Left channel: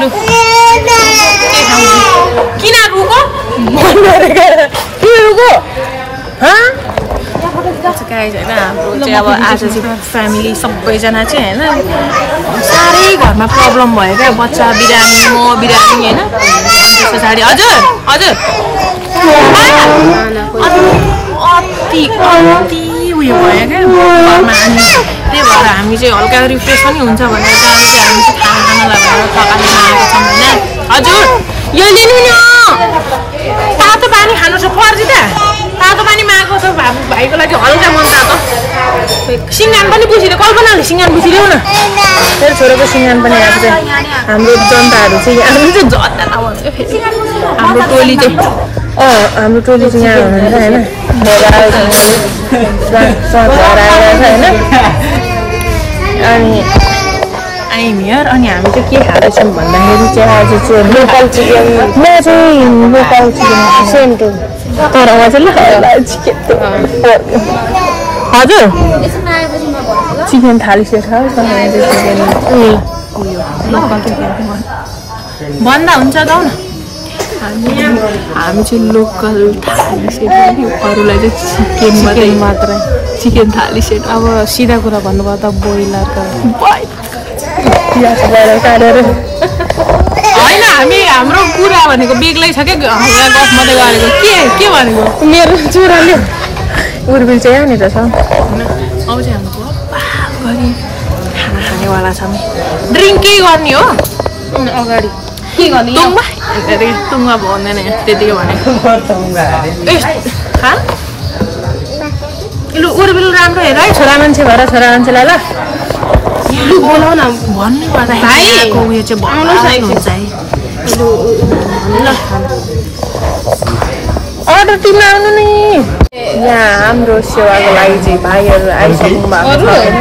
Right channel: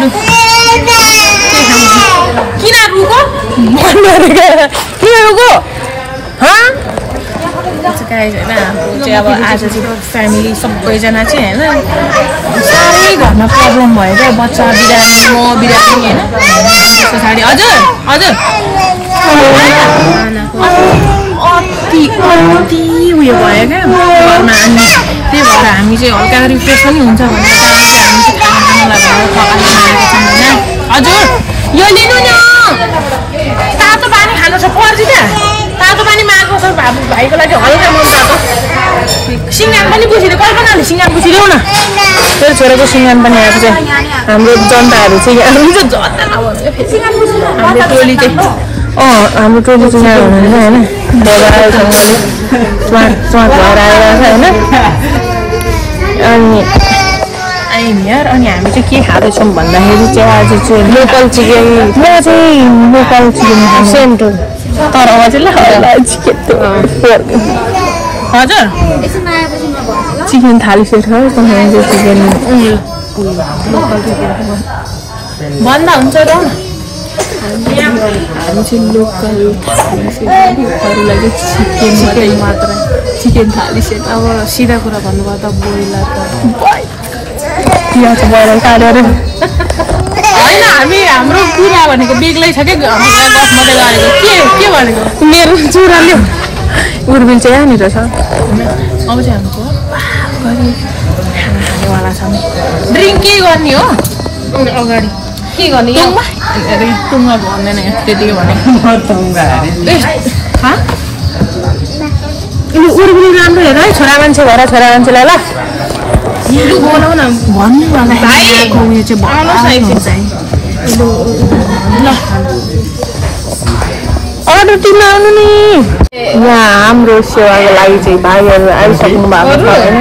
लु के खाऊ किन रुको किन रुको गाइज होइन हाम्रो चाहिँ अब आज चाहिँ फ्यामिली सबैजना चाहिँ होइन साह्रै घरमा प्रब्लम भयो क्या बच्चा बिरामी म बिरामी होइन त्यस पछाडि हजुर हजुर अति अति उयो भयो क्या घरमा अनि त्यही भएर हामी चाहिँ हल्का रिफ्रेस पनि हुन्छ भनेर चाहिँ हामी चाहिँ खाना खानुलाई भनेर थकाली आएको छौँ होइन हजुर यो लिनु नि तातो पानी खानु छ पर्छ त तातो पानी मागेको छ भाइको लागि हल्का मन तातो सिङ्गान पनि पुछिदियो कल्पनाले सिङ्गान पुछिदेऊ न मेरो छोराको सिङ्गान पनि आएको छ हाम्रो जनताहरू चाहिँ हामी चाहिँ जनता नभन्छ हाम्रो टोली चाहिँ हाम्रो टोली चाहिँ यहाँ हुनुहुन्छ होइन स्वाद भएर आएर होइन अनि अनि हामी चाहिँ के खाँदैछौँ भन्दाखेरि चाहिँ आज चाहिँ लोकल चिकन म चाहिँ लोकल चिकन सेन्टर तर चाहिँ चिकन हजुर चिकन थाली सेट चिकन भन्दा हुन्छ त हामी चाहिँ लोकल थाली सेट अरूलाई चाहिँ चिकन थाली सेट अब सिधा कुरा भन्नुभयो त ब्रोइलरको ब्रोइलर काटेर होइन हामी हाम्रो कुरा भनेको बेग्लै छ क्या गफ मात्रै गरेको के भनेको मेरो छोराले उर्बिल चाहिँ यहाँनिर छ अब चाहिँ हाम्रो गरी खाना खानेवाला छ ड्रिङ्क के गर्ने हो अगाडि के गर्ने टुङमा भन्दैन त्यतिकै भनेको लु उर्बिल राम्रो हेर है छोरा मान्छे भएर छोरा मान्छेलाई ल भन्नु पर्दाखेरि उयो चाहिँ भलाइ हुन्छ है ल अरू टिममा आउनु नि यहाँ हाम्रो सेवाको लागि चाहिँ भाइहरू आइसक्नु भएको छ होइन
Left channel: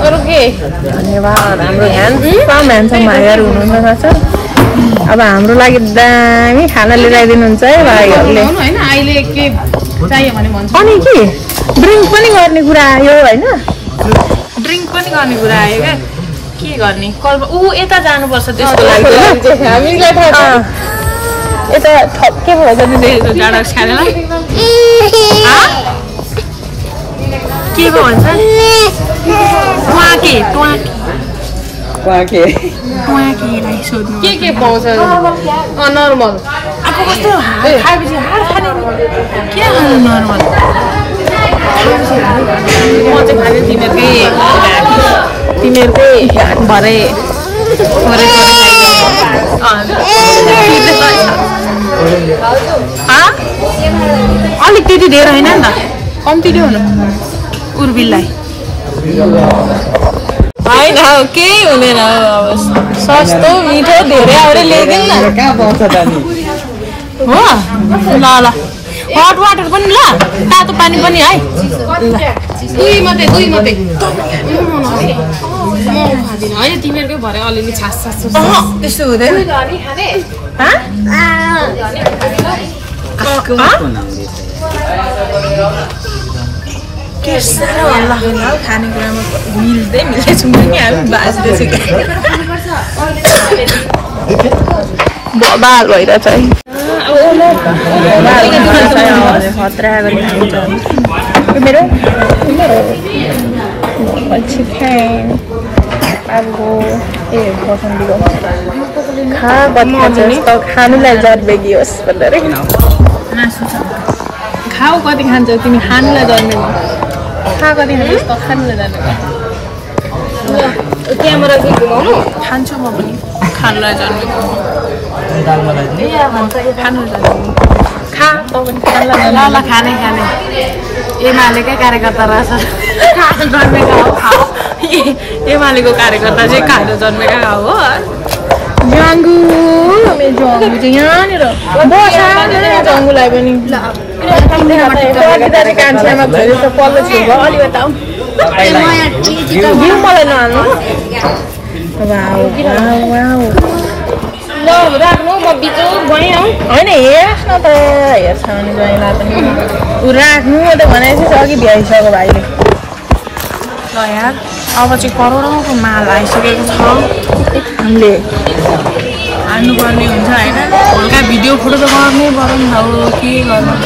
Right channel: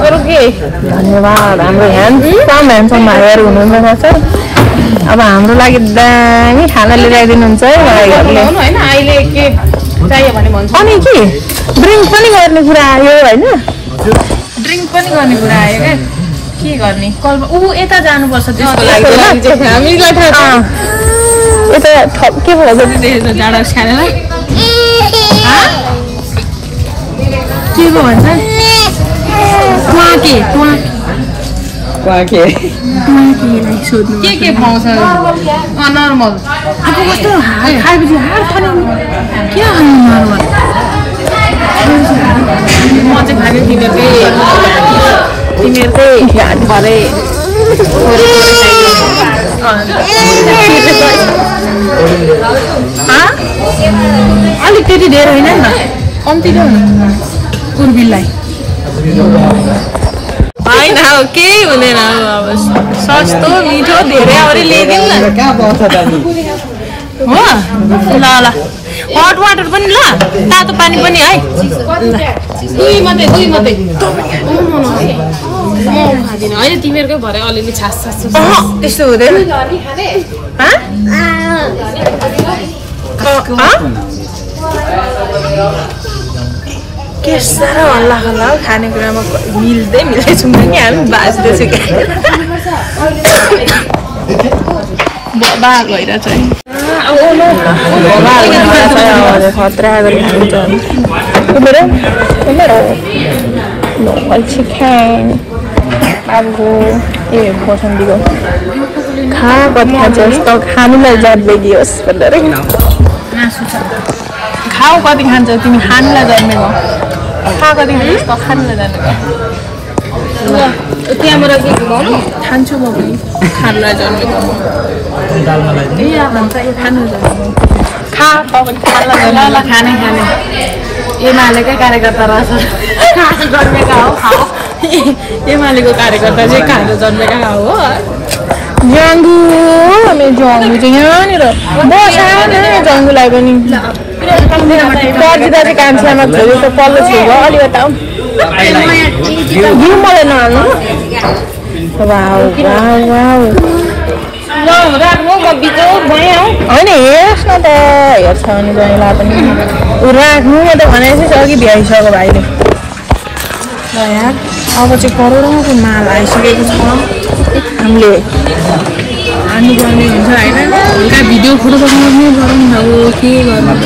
अरू के धन्यवाद हाम्रो ह्यान्डसम भाइहरू हुनुहुन्छ चाहिँ अब हाम्रो लागि दामी खाना लिएर आइदिनुहुन्छ है भाइहरूले अहिले के चाहियो भने भन्छ अनि के ड्रिङ्क पनि गर्ने कुरा आयो होइन ड्रिङ्क पनि गर्ने कुरा आयो क्या के गर्ने कल यता जानुपर्छ त्यसको लागि यता के भयो जाडो खानेलाई के पो भन्छ ट्वाकेलाई सोध्नु के पाउँछ नर्मल अब कस्तो खाएपछि हार खाने के खानु नर्मल तिमीहरूकै भरे अलिक त्यति धेरै होइन नि त कम्ती ल्याउनु उर्बिललाई होइन हौ केही हुँदैन सस्तो मिठो धेरै अरे ल्याइदिउँ न हो ल ल हट वाटर पनि ल तातो पानी पनि है दुई मात्रै होइन तिमीहरूकै भरे अलिअलि छास त्यस्तो हुँदैन के साह्रो हल्ला हल्ला खानेकुरामा मिल्दै छौँ नि हामी बाजिरहेछ बबाल भइरहेछ है खतरा गरी खान्छ अब ए बसन्तीको खा कति खान्छ त खानुलाई जात बेगियोस् भनेर खाऊ कति खान्छ तिमी खानुलाई जन्मेको खा कति खान्छ त खानुलाई जान्ने त्यहाँबाट खान्छु म पनि खानुलाई जन्मेको खानु जन्मेको खा त पनि खानुलाई ल खाने एमालेकै कार्यकर्ता रहेछ खानु जन्मेका हो एमालेको कार्यकर्ता चाहिँ खानु जन्मेका हो जङ्गु मेरो जङ्गु चाहिँ यहाँनिर बसाएन जङ्गुलाई पनि दाजु कान्छामा छोरी त पल्लो छेउ अलिकता घिउ मलाई नहाल्नु होइन हेर्नुहोस् न त हेर्छ भने जहीँलाई पनि राख्नु त भनेपछि अघि भ्याइसक्यो भाइले ल यार अब चाहिँ करोडौँको माल आइसकेको छ हामीले हान्नुपर्ने हुन्छ होइन हल्का भिडियो फोटो त गर्नै पर्यो नि त के गर्नु